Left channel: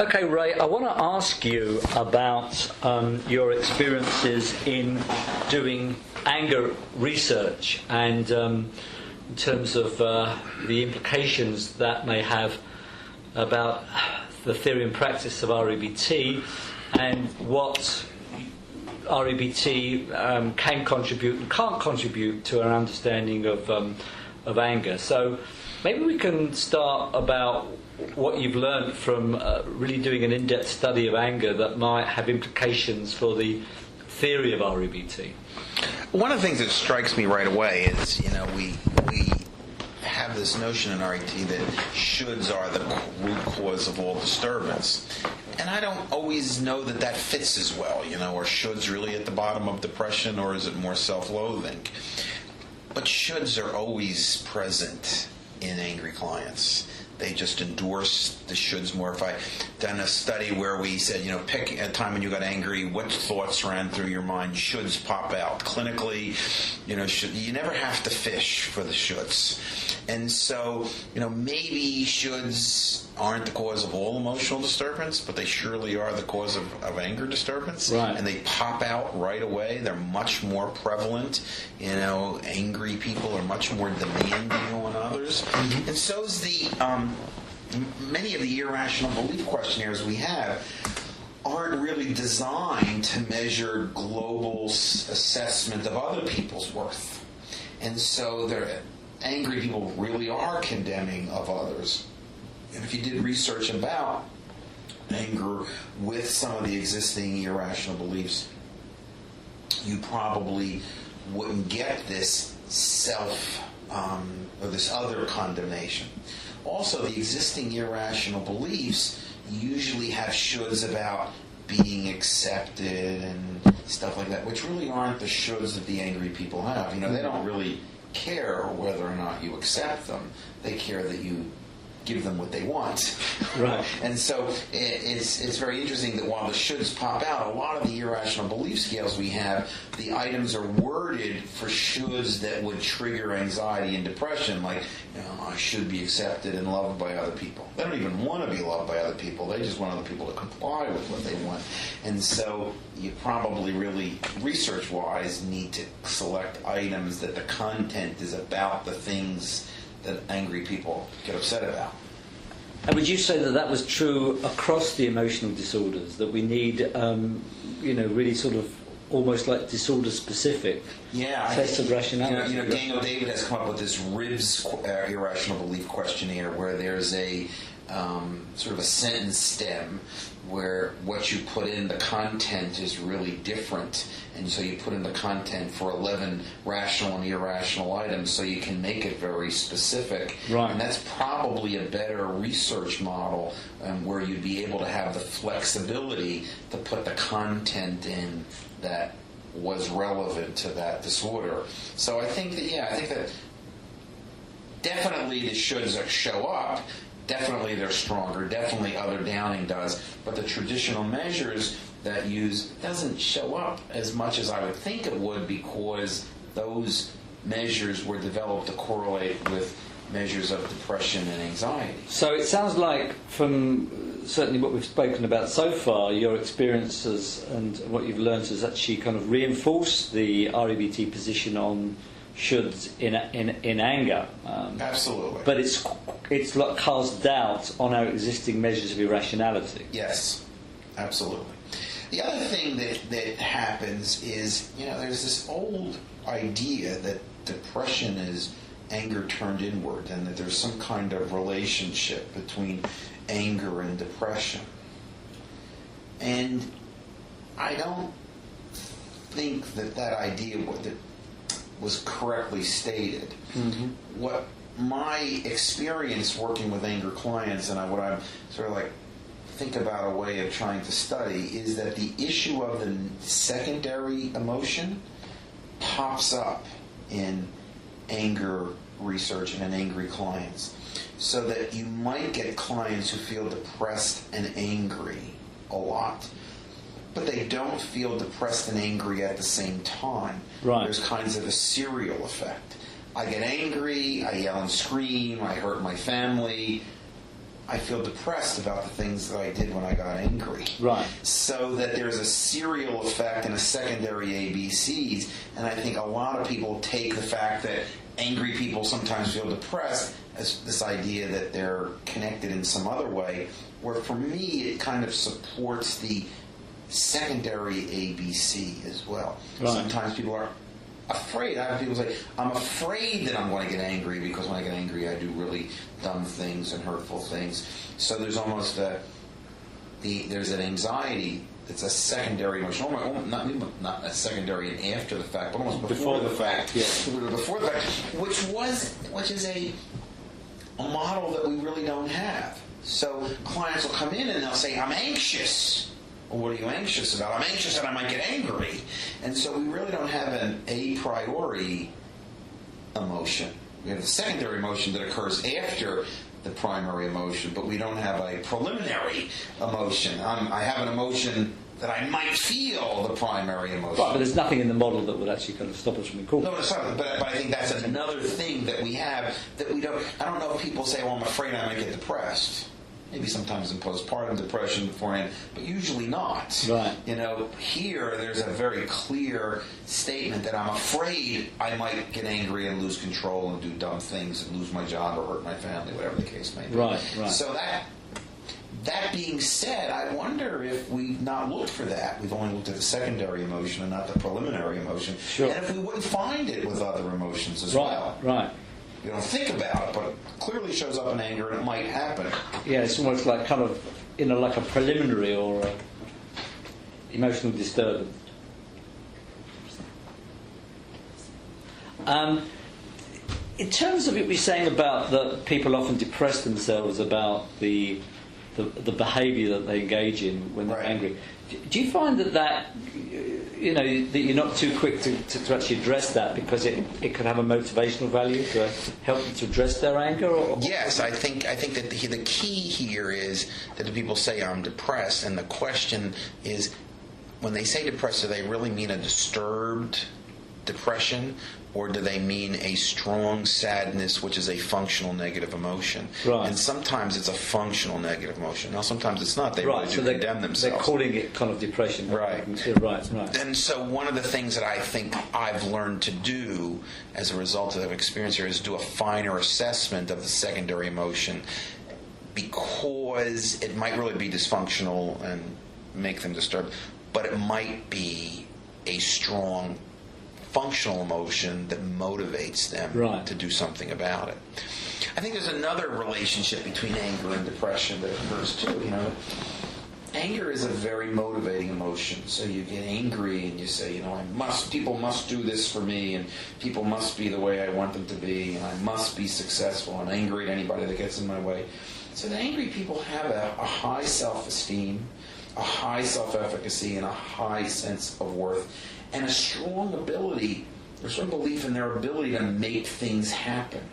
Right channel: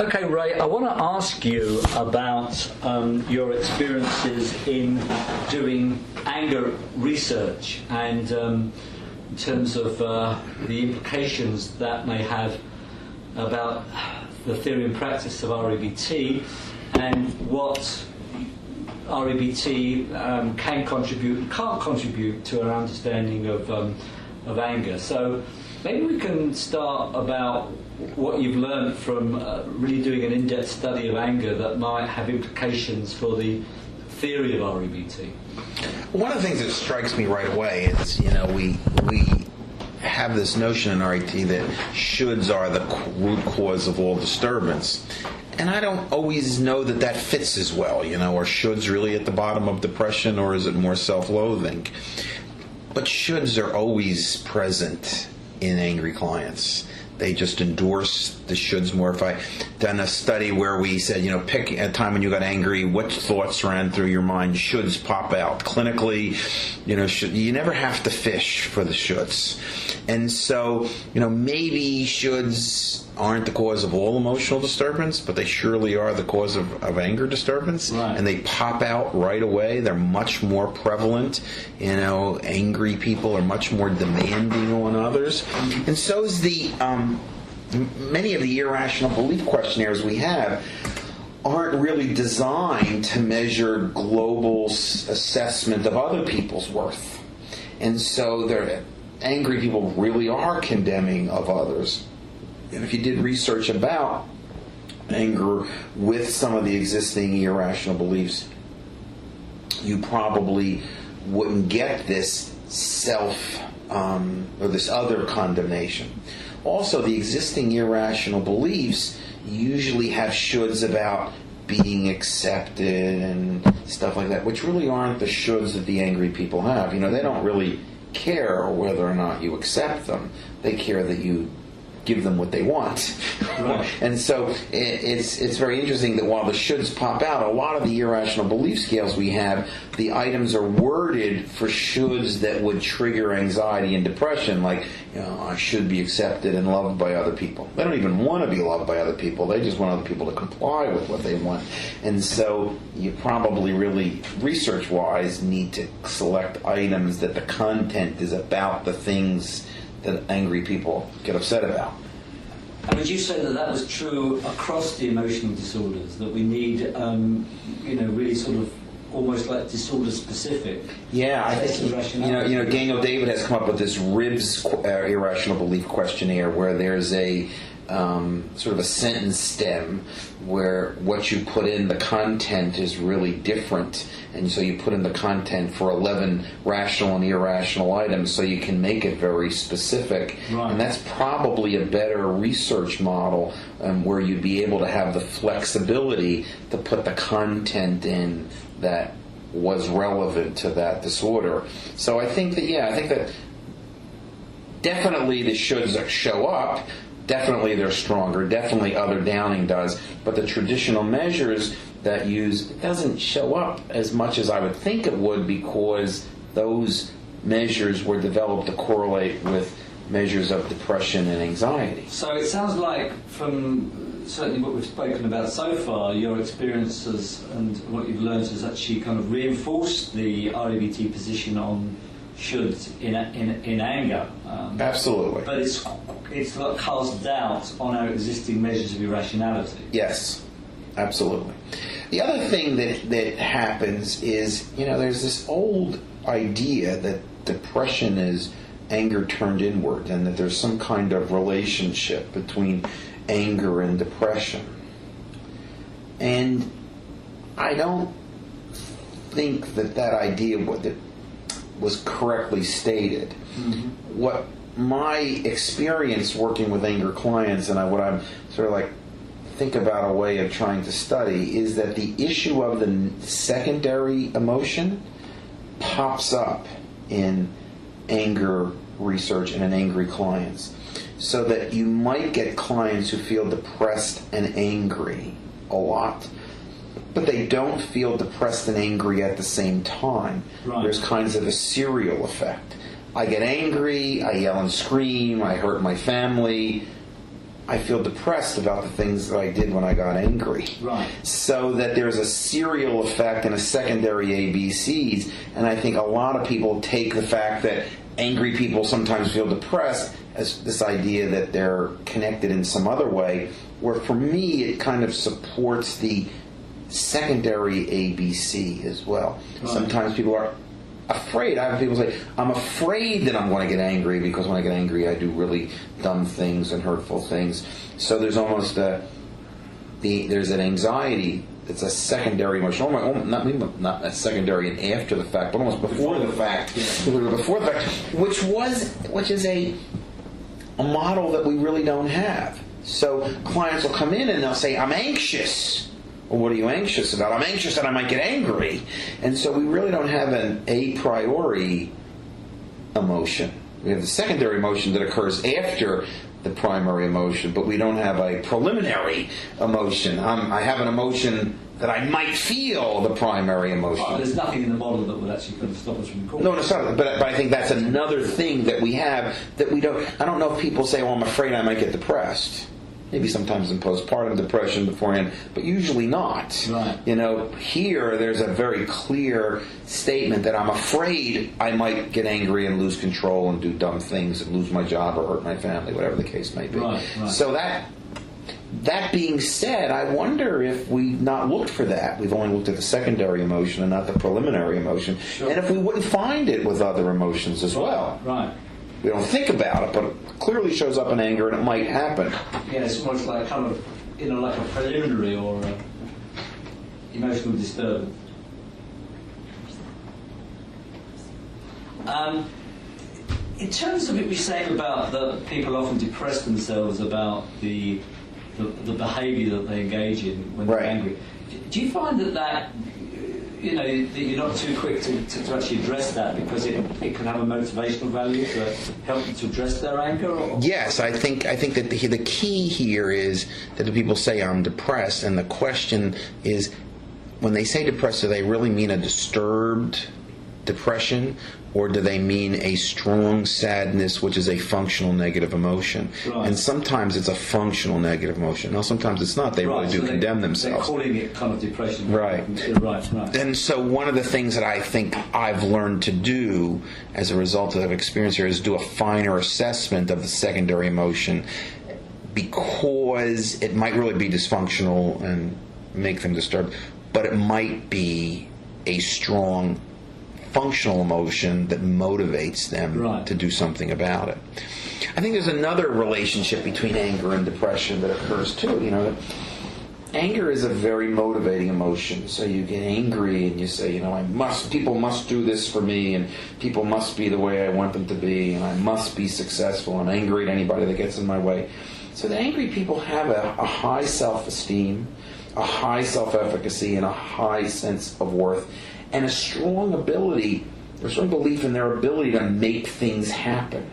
Okay, Ray, I want to ask you about your experiences in doing anger research and in terms of the implications that may have about the theory and practice of REBT and what REBT can contribute and can't contribute to our understanding of anger. So maybe we can start about what you've learned from really doing an in-depth study of anger that might have implications for the theory of REBT. One of the things that strikes me right away is, we have this notion in RET that shoulds are the root cause of all disturbance. And I don't always know that fits as well. Are shoulds really at the bottom of depression, or is it more self-loathing? But shoulds are always present in angry clients. They just endorse the shoulds more. If I done a study where we said, pick a time when you got angry, what thoughts ran through your mind, shoulds pop out. Clinically, you never have to fish for the shoulds. And so, maybe shoulds aren't the cause of all emotional disturbance, but they surely are the cause of anger disturbance. Right. And they pop out right away. They're much more prevalent. Angry people are much more demanding on others. And so is many of the irrational belief questionnaires we have aren't really designed to measure global assessment of other people's worth. And so angry people really are condemning of others. And if you did research about anger with some of the existing irrational beliefs, you probably wouldn't get this or this other condemnation. Also, the existing irrational beliefs usually have shoulds about being accepted and stuff like that, which really aren't the shoulds that the angry people have. They don't really care whether or not you accept them. They care that you give them what they want. Right. And so it's very interesting that while the shoulds pop out, a lot of the irrational belief scales we have, the items are worded for shoulds that would trigger anxiety and depression, like, I should be accepted and loved by other people. They don't even want to be loved by other people. They just want other people to comply with what they want. And so you probably really, research-wise, need to select items that the content is about the things that angry people get upset about. And would you say that was true across the emotional disorders, that we need, really sort of almost like disorder-specific sets of rationality? Daniel David has come up with this RIBS, irrational belief questionnaire, where there's a sort of a sentence stem where what you put in, the content is really different. And so you put in the content for 11 rational and irrational items so you can make it very specific. Right. And that's probably a better research model where you'd be able to have the flexibility to put the content in that was relevant to that disorder. So I think that definitely the shoulds show up. Definitely they're stronger. Definitely other downing does. But the traditional measures that doesn't show up as much as I would think it would, because those measures were developed to correlate with measures of depression and anxiety. So it sounds like, from certainly what we've spoken about so far, your experiences and what you've learned has actually kind of reinforced the REBT position on shoulds in anger. Absolutely. But it's like casts doubt on our existing measures of irrationality. Yes, absolutely. The other thing that happens is, there's this old idea that depression is anger turned inward, and that there's some kind of relationship between anger and depression. And I don't think that idea was correctly stated. Mm-hmm. What my experience working with anger clients, and what I'm sort of like think about a way of trying to study, is that the issue of the secondary emotion pops up in anger research and in angry clients. So that you might get clients who feel depressed and angry a lot, but they don't feel depressed and angry at the same time. Right. There's kinds of a serial effect. I get angry, I yell and scream, I hurt my family, I feel depressed about the things that I did when I got angry. Right. So that there's a serial effect and a secondary ABCs, and I think a lot of people take the fact that angry people sometimes feel depressed as this idea that they're connected in some other way, where for me it kind of supports the secondary ABC as well. Right. Sometimes people are afraid. I have people say, I'm afraid that I'm going to get angry because when I get angry I do really dumb things and hurtful things. So there's almost there's an anxiety. It's a secondary emotion. Not a secondary and after the fact, but almost before the fact. Yeah. Before the fact, which is a model that we really don't have. So clients will come in and they'll say, I'm anxious. Well, what are you anxious about? I'm anxious that I might get angry. And so we really don't have an a priori emotion. We have the secondary emotion that occurs after the primary emotion, but we don't have a preliminary emotion. I have an emotion that I might feel the primary emotion. Right, but there's nothing in the model that would actually kind of stop us from calling. No, it's not. But I think that's another thing that we have that we don't. I don't know if people say, well, I'm afraid I might get depressed. Maybe sometimes in postpartum depression beforehand, but usually not. Right. Here there's a very clear statement that I'm afraid I might get angry and lose control and do dumb things and lose my job or hurt my family, whatever the case may be. Right. So that being said, I wonder if we've not looked for that. We've only looked at the secondary emotion and not the preliminary emotion. Sure. And if we wouldn't find it with other emotions as well. Right. We don't think about it, but it clearly shows up in anger, and it might happen. Yeah, it's almost like kind of, like a preliminary or a emotional disturbance. In terms of what you're saying about that people often depress themselves about the behaviour that they engage in when they're angry, do you find that that you're not too quick to actually address that because it can have a motivational value to help them to address their anger? Or? Yes, I think that the key here is that the people say I'm depressed, and the question is, when they say depressed, do they really mean a disturbed depression, or do they mean a strong sadness, which is a functional negative emotion? Right. And sometimes it's a functional negative emotion. Now, sometimes it's not. They really do condemn themselves. They're calling it kind of depression. Right. Right. And so one of the things that I think I've learned to do as a result of experience here is do a finer assessment of the secondary emotion, because it might really be dysfunctional and make them disturbed, but it might be a strong functional emotion that motivates them to do something about it. I think there's another relationship between anger and depression that occurs too. Anger is a very motivating emotion. So you get angry and you say, people must do this for me, and people must be the way I want them to be, and I must be successful. I'm angry at anybody that gets in my way. So the angry people have a high self-esteem, a high self-efficacy, and a high sense of worth, and a strong belief in their ability to make things happen.